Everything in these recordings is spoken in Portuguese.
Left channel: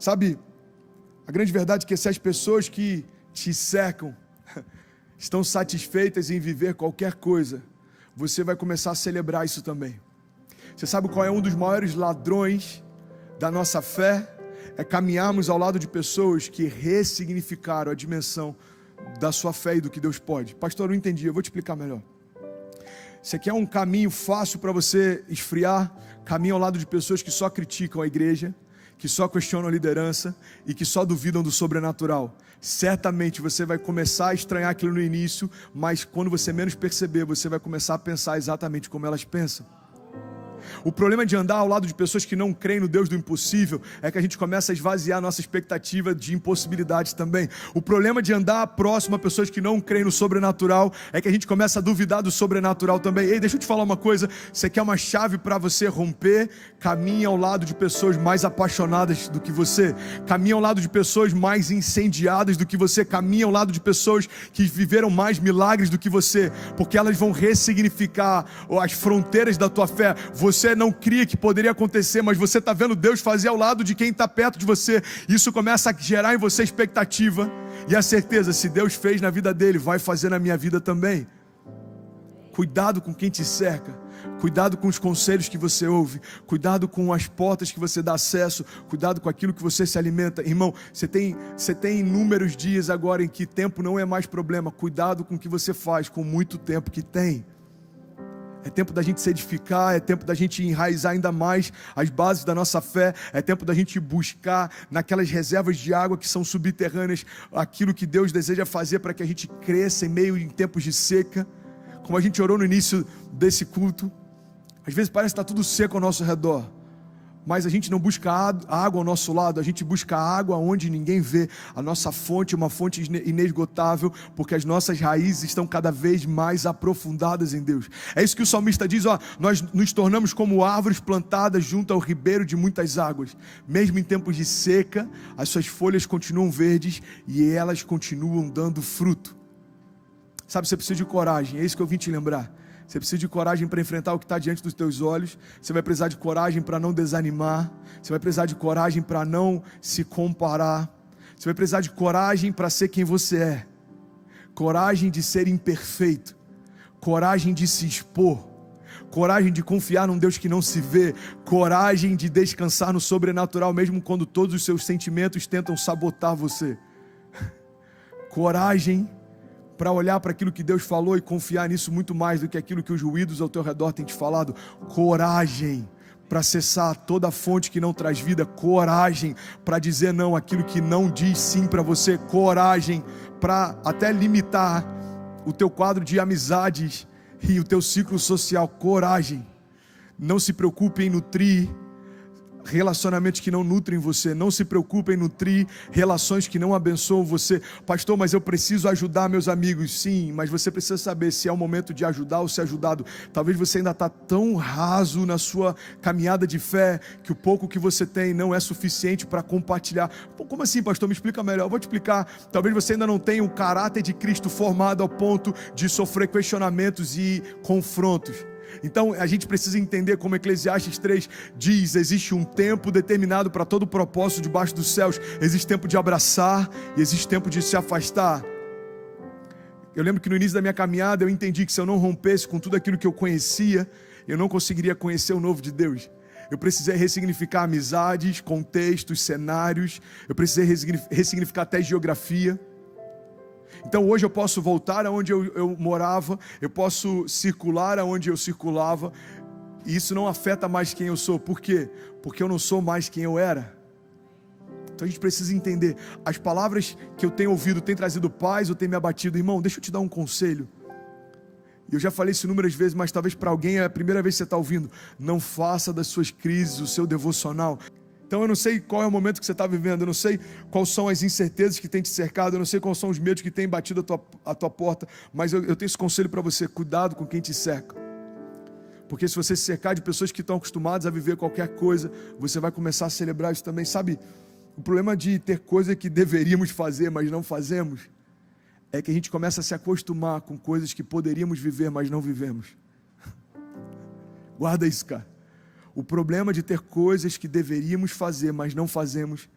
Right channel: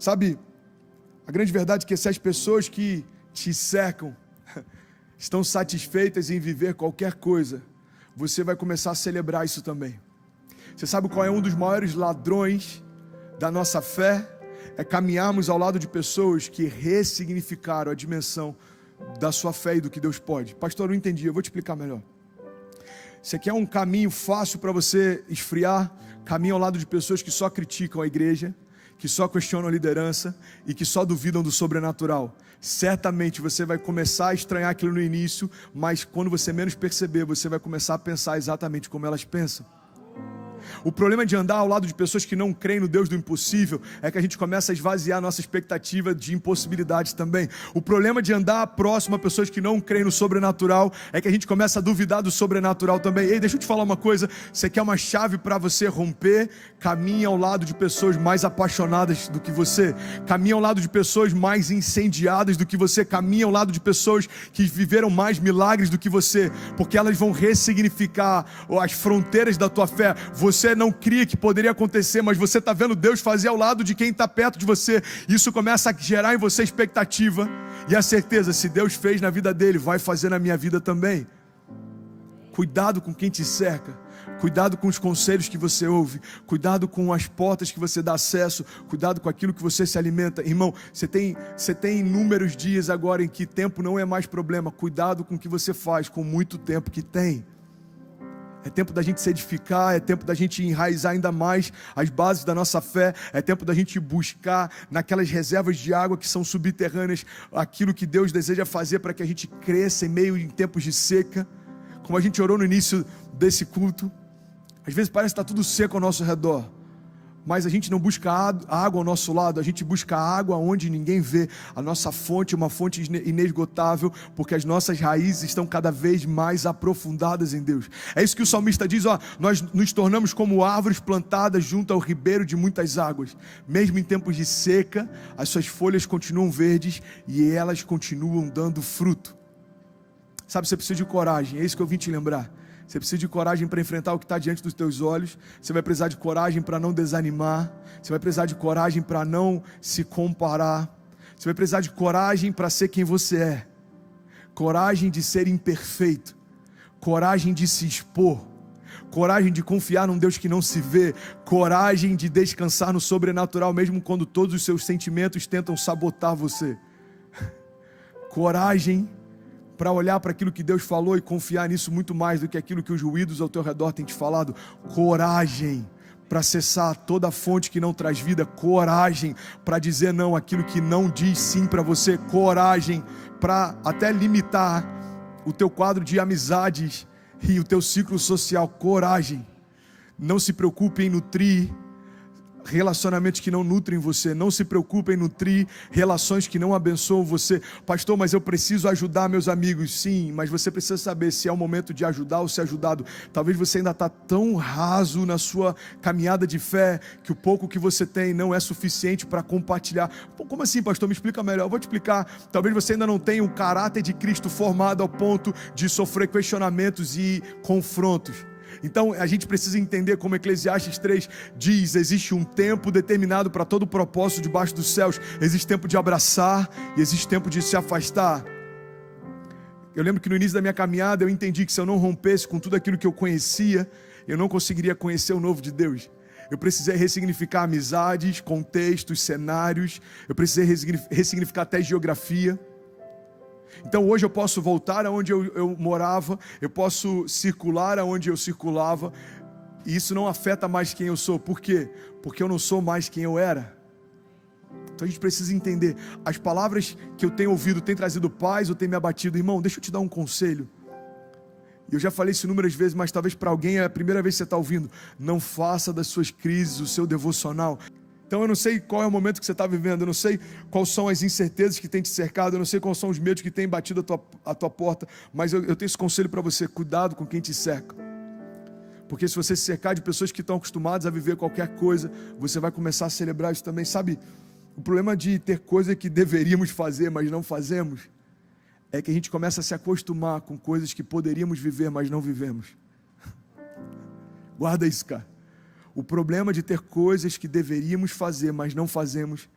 Sabe, a grande verdade é que se as pessoas que te cercam estão satisfeitas em viver qualquer coisa, você vai começar a celebrar isso também. Você sabe qual é um dos maiores ladrões da nossa fé? É caminharmos ao lado de pessoas que ressignificaram a dimensão da sua fé e do que Deus pode. Pastor, eu não entendi, eu vou te explicar melhor. Você quer um caminho fácil para você esfriar? Caminho ao lado de pessoas que só criticam a igreja, que só questionam a liderança e que só duvidam do sobrenatural. Certamente você vai começar a estranhar aquilo no início, mas quando você menos perceber, você vai começar a pensar exatamente como elas pensam. O problema de andar ao lado de pessoas que não creem no Deus do impossível é que a gente começa a esvaziar a nossa expectativa de impossibilidades também. O problema de andar próximo a pessoas que não creem no sobrenatural é que a gente começa a duvidar do sobrenatural também. Ei, deixa eu te falar uma coisa, você quer uma chave para você romper? Caminhe ao lado de pessoas mais apaixonadas do que você, caminhe ao lado de pessoas mais incendiadas do que você, caminhe ao lado de pessoas que viveram mais milagres do que você, porque elas vão ressignificar as fronteiras da tua fé. Você não cria que poderia acontecer, mas você está vendo Deus fazer ao lado de quem está perto de você. Isso começa a gerar em você expectativa e a certeza, se Deus fez na vida dele, vai fazer na minha vida também. Cuidado com quem te cerca, cuidado com os conselhos que você ouve, cuidado com as portas que você dá acesso, cuidado com aquilo que você se alimenta. Irmão, você tem inúmeros dias agora em que tempo não é mais problema. Cuidado com o que você faz com muito tempo que tem. É tempo da gente se edificar, é tempo da gente enraizar ainda mais as bases da nossa fé, é tempo da gente buscar naquelas reservas de água que são subterrâneas, aquilo que Deus deseja fazer para que a gente cresça em meio em tempos de seca. Como a gente orou no início desse culto, às vezes parece que está tudo seco ao nosso redor, mas a gente não busca água ao nosso lado, a gente busca água onde ninguém vê. A nossa fonte é uma fonte inesgotável, porque as nossas raízes estão cada vez mais aprofundadas em Deus. É isso que o salmista diz, nós nos tornamos como árvores plantadas junto ao ribeiro de muitas águas. Mesmo em tempos de seca, as suas folhas continuam verdes e elas continuam dando fruto. Sabe, você precisa de coragem, é isso que eu vim te lembrar. Você precisa de coragem para enfrentar o que está diante dos teus olhos. Você vai precisar de coragem para não desanimar. Você vai precisar de coragem para não se comparar. Você vai precisar de coragem para ser quem você é. Coragem de ser imperfeito. Coragem de se expor. Coragem de confiar num Deus que não se vê. Coragem de descansar no sobrenatural, mesmo quando todos os seus sentimentos tentam sabotar você. Coragem para olhar para aquilo que Deus falou e confiar nisso muito mais do que aquilo que os ruídos ao teu redor têm te falado. Coragem para acessar toda a fonte que não traz vida. Coragem para dizer não àquilo que não diz sim para você. Coragem para até limitar o teu quadro de amizades e o teu ciclo social. Coragem. Não se preocupe em nutrir relacionamentos que não nutrem você. Não se preocupe em nutrir relações que não abençoam você. Pastor, mas eu preciso ajudar meus amigos. Sim, mas você precisa saber se é o momento de ajudar ou ser ajudado. Talvez você ainda está tão raso na sua caminhada de fé que o pouco que você tem não é suficiente para compartilhar. Como assim, pastor? Me explica melhor. Eu vou te explicar. Talvez você ainda não tenha o caráter de Cristo formado ao ponto de sofrer questionamentos e confrontos. Então a gente precisa entender, como Eclesiastes 3 diz, existe um tempo determinado para todo propósito debaixo dos céus. Existe tempo de abraçar e existe tempo de se afastar. Eu lembro que no início da minha caminhada eu entendi que se eu não rompesse com tudo aquilo que eu conhecia, eu não conseguiria conhecer o novo de Deus. Eu precisei ressignificar amizades, contextos, cenários. Eu precisei ressignificar até geografia. Então hoje eu posso voltar aonde eu morava, eu posso circular aonde eu circulava, e isso não afeta mais quem eu sou. Por quê? Porque eu não sou mais quem eu era. Então a gente precisa entender, as palavras que eu tenho ouvido têm trazido paz ou têm me abatido? Irmão, deixa eu te dar um conselho. Eu já falei isso inúmeras vezes, mas talvez para alguém é a primeira vez que você está ouvindo. Não faça das suas crises o seu devocional. Então eu não sei qual é o momento que você está vivendo, eu não sei quais são as incertezas que tem te cercado, eu não sei quais são os medos que têm batido a tua porta, mas eu tenho esse conselho para você: cuidado com quem te cerca. Porque se você se cercar de pessoas que estão acostumadas a viver qualquer coisa, você vai começar a celebrar isso também. Sabe, o problema de ter coisa que deveríamos fazer, mas não fazemos, é que a gente começa a se acostumar com coisas que poderíamos viver, mas não vivemos. Guarda isso, cara. O problema de ter coisas que deveríamos fazer, mas não fazemos,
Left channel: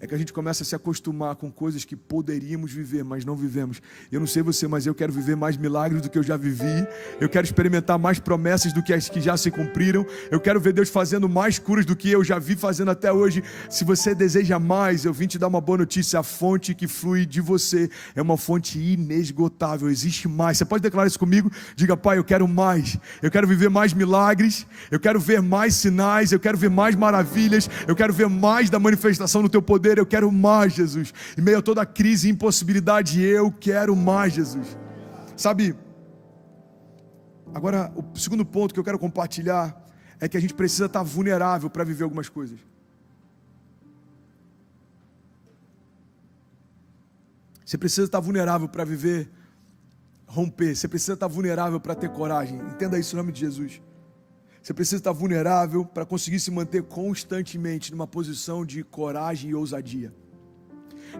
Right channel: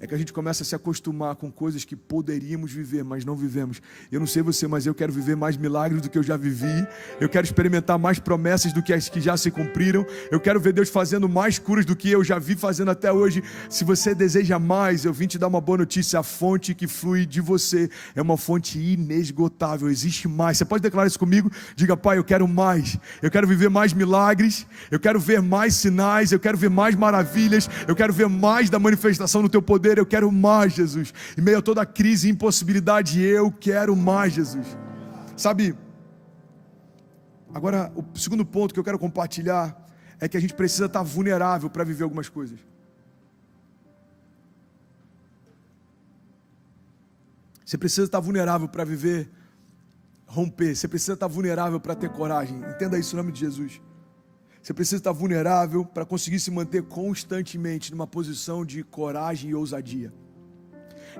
é que a gente começa a se acostumar com coisas que poderíamos viver, mas não vivemos. Eu não sei você, mas eu quero viver mais milagres do que eu já vivi. Eu quero experimentar mais promessas do que as que já se cumpriram. Eu quero ver Deus fazendo mais curas do que eu já vi fazendo até hoje. Se você deseja mais, eu vim te dar uma boa notícia. A fonte que flui de você é uma fonte inesgotável. Existe mais. Você pode declarar isso comigo? Diga: Pai, eu quero mais. Eu quero viver mais milagres. Eu quero ver mais sinais. Eu quero ver mais maravilhas. Eu quero ver mais da manifestação do teu poder. Eu quero mais, Jesus. Em meio a toda a crise e impossibilidade, eu quero mais, Jesus. Sabe, agora o segundo ponto que eu quero compartilhar é que a gente precisa estar vulnerável para viver algumas coisas. Você precisa estar vulnerável para viver, romper. Você precisa estar vulnerável para ter coragem. Entenda isso em nome de Jesus. Você precisa estar vulnerável para conseguir se manter constantemente numa posição de coragem e ousadia.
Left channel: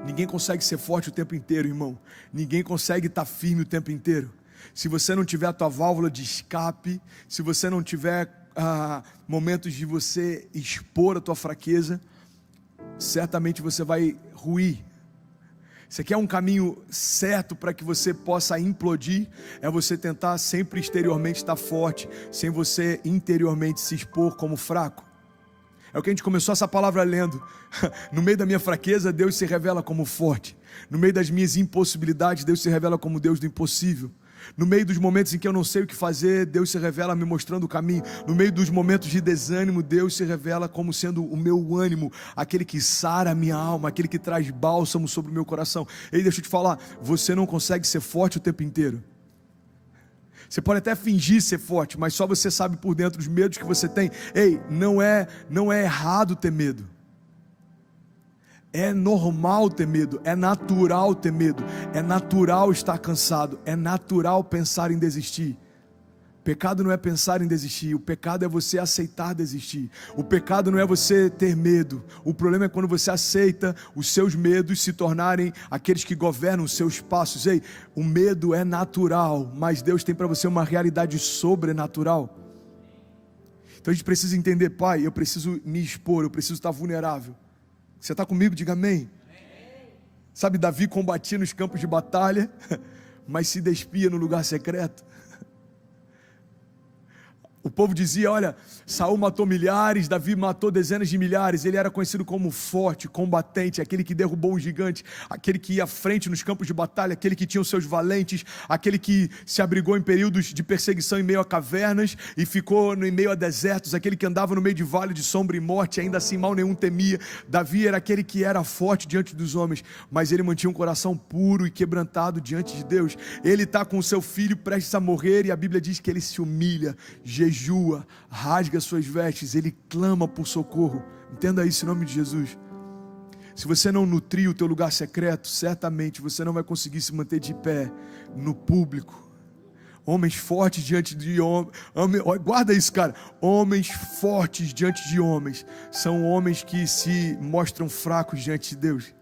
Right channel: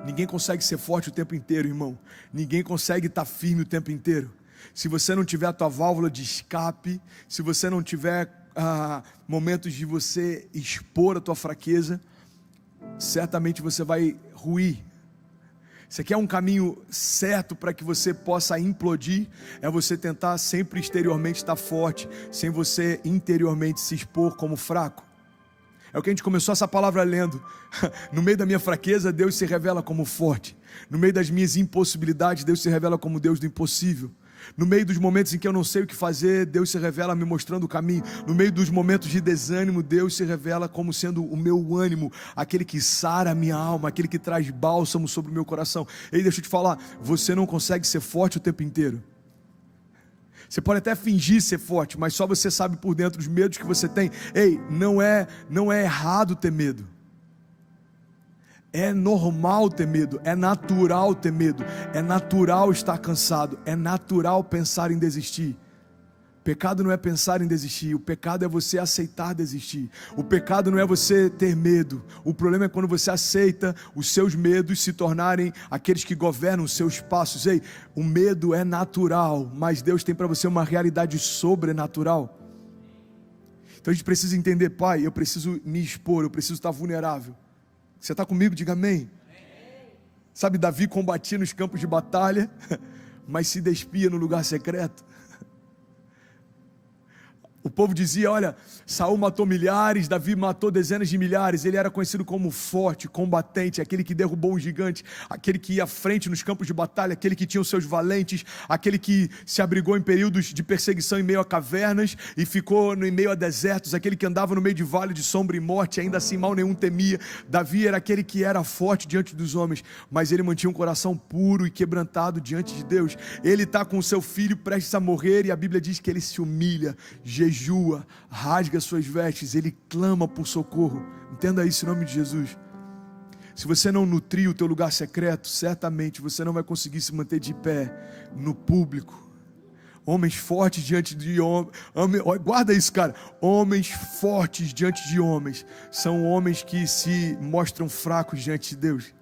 Ninguém consegue ser forte o tempo inteiro, irmão. Ninguém consegue estar firme o tempo inteiro. Se você não tiver a tua válvula de escape, se você não tiver momentos de você expor a tua fraqueza, certamente você vai ruir. Você quer um caminho certo para que você possa implodir? É você tentar sempre exteriormente estar forte, sem você interiormente se expor como fraco. É o que a gente começou essa palavra lendo. No meio da minha fraqueza, Deus se revela como forte. No meio das minhas impossibilidades, Deus se revela como Deus do impossível. No meio dos momentos em que eu não sei o que fazer, Deus se revela me mostrando o caminho. No meio dos momentos de desânimo, Deus se revela como sendo o meu ânimo, aquele que sara a minha alma, aquele que traz bálsamo sobre o meu coração. Ei, deixa eu te falar, você não consegue ser forte o tempo inteiro. Você pode até fingir ser forte, mas só você sabe por dentro os medos que você tem. Ei, não é errado ter medo. É normal ter medo, é natural ter medo, é natural estar cansado, é natural pensar em desistir. Pecado não é pensar em desistir, o pecado é você aceitar desistir. O pecado não é você ter medo, o problema é quando você aceita os seus medos se tornarem aqueles que governam os seus passos. Ei, o medo é natural, mas Deus tem para você uma realidade sobrenatural. Então a gente precisa entender: Pai, eu preciso me expor, eu preciso estar vulnerável. Você está comigo? Diga amém. Sabe, Davi combatia nos campos de batalha, mas se despia no lugar secreto. O povo dizia: olha, Saul matou milhares, Davi matou dezenas de milhares. Ele era conhecido como forte, combatente, aquele que derrubou um gigante, aquele que ia à frente nos campos de batalha, aquele que tinha os seus valentes, aquele que se abrigou em períodos de perseguição em meio a cavernas e ficou em meio a desertos, aquele que andava no meio de vale de sombra e morte, ainda assim mal nenhum temia. Davi era aquele que era forte diante dos homens, mas ele mantinha um coração puro e quebrantado diante de Deus. Ele está com o seu filho prestes a morrer e a Bíblia diz que ele se humilha, jejua, rasga suas vestes, ele clama por socorro. Entenda isso em nome de Jesus. Se você não nutrir o teu lugar secreto, certamente você não vai conseguir se manter de pé no público. Homens fortes diante de homens, guarda isso, cara. Homens fortes diante de homens são homens que se mostram fracos diante de Deus.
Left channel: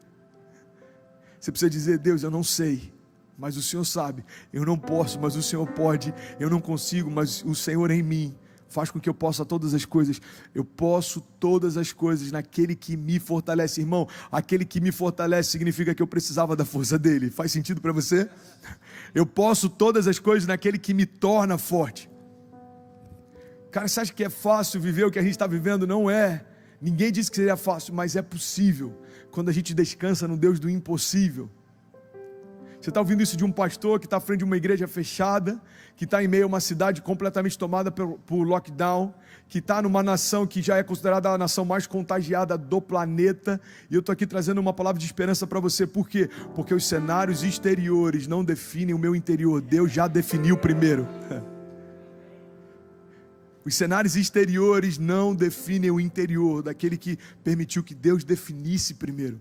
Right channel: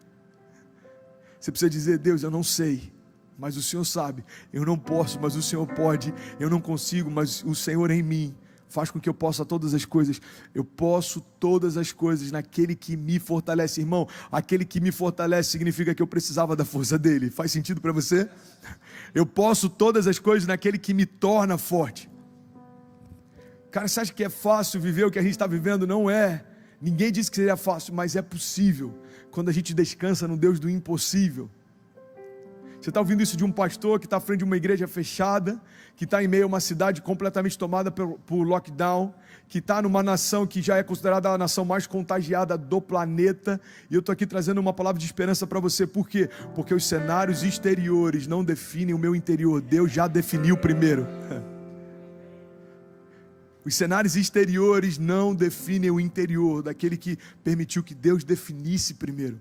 Você precisa dizer: Deus, eu não sei, mas o Senhor sabe. Eu não posso, mas o Senhor pode. Eu não consigo, mas o Senhor em mim faz com que eu possa todas as coisas. Eu posso todas as coisas naquele que me fortalece. Irmão, aquele que me fortalece significa que eu precisava da força dele. Faz sentido para você? Eu posso todas as coisas naquele que me torna forte. Cara, você acha que é fácil viver o que a gente está vivendo? Não é. Ninguém disse que seria fácil, mas é possível quando a gente descansa no Deus do impossível. Você está ouvindo isso de um pastor que está à frente de uma igreja fechada, que está em meio a uma cidade completamente tomada por lockdown, que está numa nação que já é considerada a nação mais contagiada do planeta, e eu estou aqui trazendo uma palavra de esperança para você. Por quê? Porque os cenários exteriores não definem o meu interior, Deus já definiu primeiro. Os cenários exteriores não definem o interior daquele que permitiu que Deus definisse primeiro.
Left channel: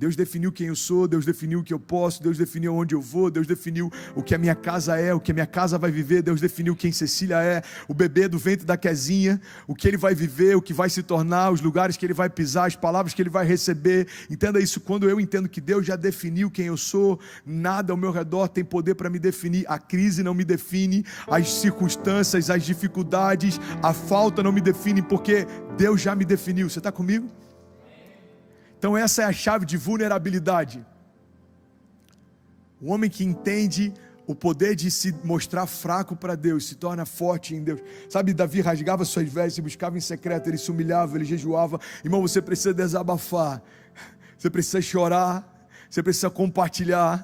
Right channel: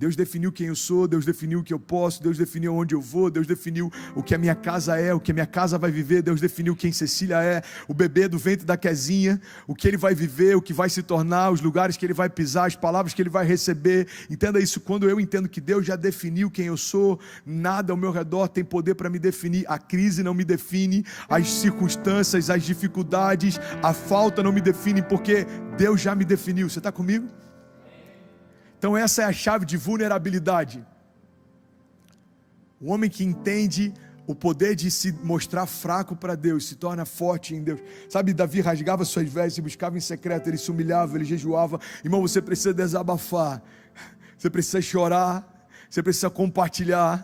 Deus definiu quem eu sou, Deus definiu o que eu posso, Deus definiu onde eu vou, Deus definiu o que a minha casa é, o que a minha casa vai viver, Deus definiu quem Cecília é, o bebê do ventre da Kezinha, o que ele vai viver, o que vai se tornar, os lugares que ele vai pisar, as palavras que ele vai receber. Entenda isso, quando eu entendo que Deus já definiu quem eu sou, nada ao meu redor tem poder para me definir. A crise não me define, as circunstâncias, as dificuldades, a falta não me definem, porque Deus já me definiu. Você está comigo? Então essa é a chave de vulnerabilidade. O homem que entende o poder de se mostrar fraco para Deus, se torna forte em Deus. Sabe, Davi rasgava suas vestes, buscava em secreto, ele se humilhava, ele jejuava. Irmão, você precisa desabafar, você precisa chorar, você precisa compartilhar,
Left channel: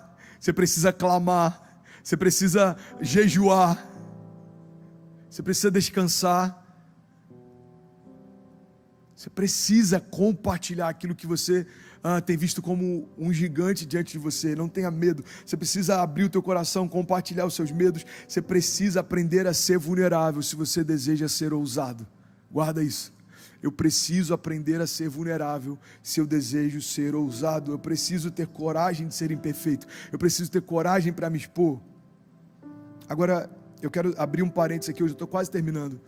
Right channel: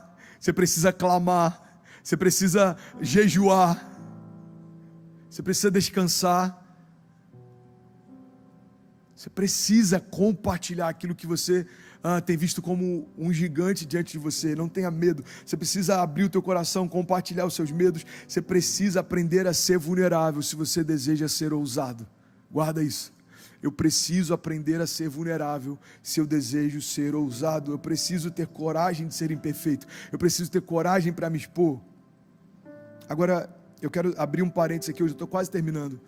você precisa clamar, você precisa jejuar, você precisa descansar. Você precisa compartilhar aquilo que você tem visto como um gigante diante de você. Não tenha medo. Você precisa abrir o teu coração, compartilhar os seus medos. Você precisa aprender a ser vulnerável se você deseja ser ousado. Guarda isso. Eu preciso aprender a ser vulnerável se eu desejo ser ousado. Eu preciso ter coragem de ser imperfeito. Eu preciso ter coragem para me expor. Agora, eu quero abrir um parênteses aqui, hoje eu estou quase terminando.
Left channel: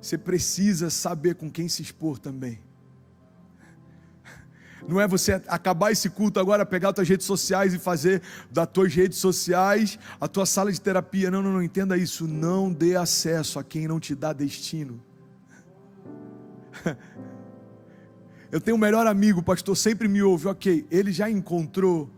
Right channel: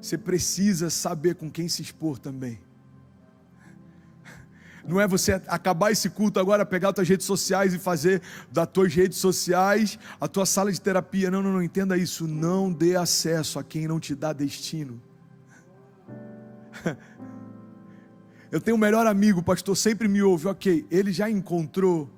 Você precisa saber com quem se expor também. Não é você acabar esse culto agora, pegar as tuas redes sociais e fazer das tuas redes sociais a tua sala de terapia. Não, entenda isso. Não dê acesso a quem não te dá destino. Eu tenho um melhor amigo, o pastor sempre me ouve. Ok, ele já encontrou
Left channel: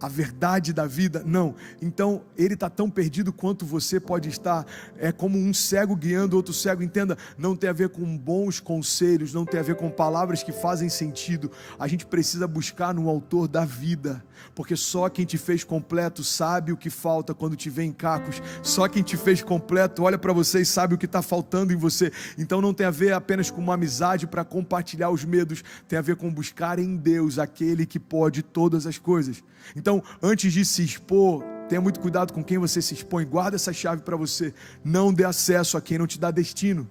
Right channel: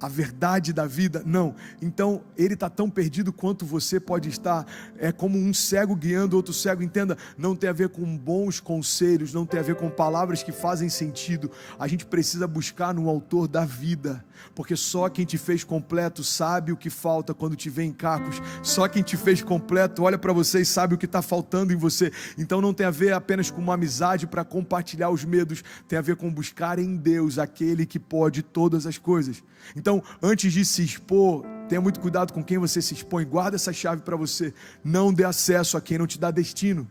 a verdade da vida? Não. Então, ele está tão perdido quanto você pode estar. É como um cego guiando outro cego. Entenda, não tem a ver com bons conselhos, não tem a ver com palavras que fazem sentido. A gente precisa buscar no autor da vida, porque só quem te fez completo sabe o que falta quando te vê em cacos. Só quem te fez completo olha para você e sabe o que está faltando em você. Então não tem a ver apenas com uma amizade para compartilhar os medos, tem a ver com buscar em Deus aquele que pode todas as coisas. Então, antes de se expor, tenha muito cuidado com quem você se expõe. Guarda essa chave para você. Não dê acesso a quem não te dá destino.